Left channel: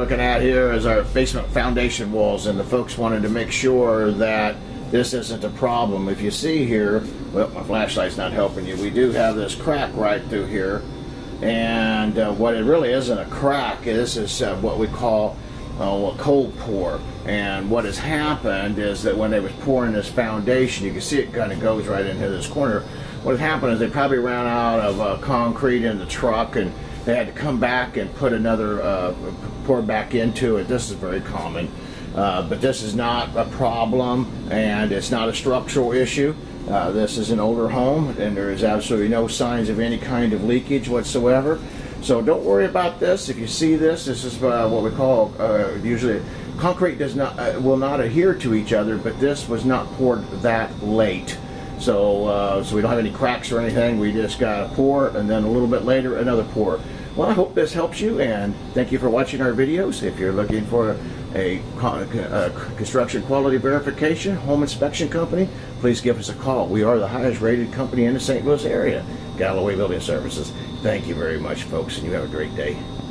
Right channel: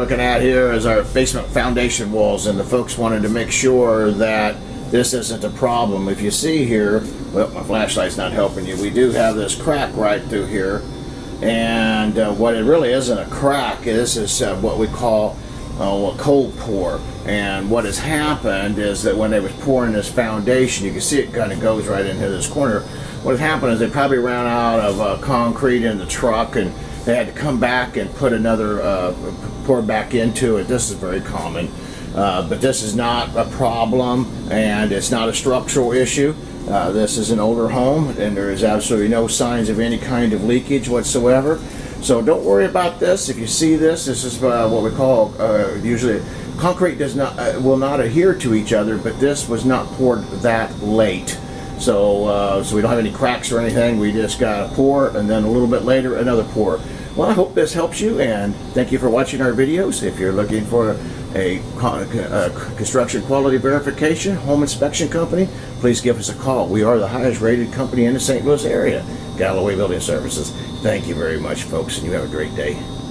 Looking at here is our basement foundation walls, and the folks wanted to make sure that this isn't a problem. If you see here, well, my flashlight's not helping you, we do have this crack right through here, and what it really isn't a crack, this is what we call a cold pour. And what has happened is that when they was pouring this foundation, you can see it kind of goes right into this corner. What has happened is they probably ran out of concrete in the truck, and they had to come back and put another pour back into it. This is very common, but this is not a problem, and it's not a structural issue. This is an older home, and there is absolutely no signs of any kind of leakage whatsoever. So don't worry about this. If you see this, this is what we call usually concrete does not will not adhere to each other, but this was not poured that late. So we don't have any cracks or anything. We just got a pour, and then a little bit later another pour. Well, I hope this helps you, and thank you for watching our videos. If you're looking for a construction quality verification home inspection company, please give us a call. We are the highest rated company in the St. Louis area, Galloway Building Services. Thank you very much, folks, and you have a great day.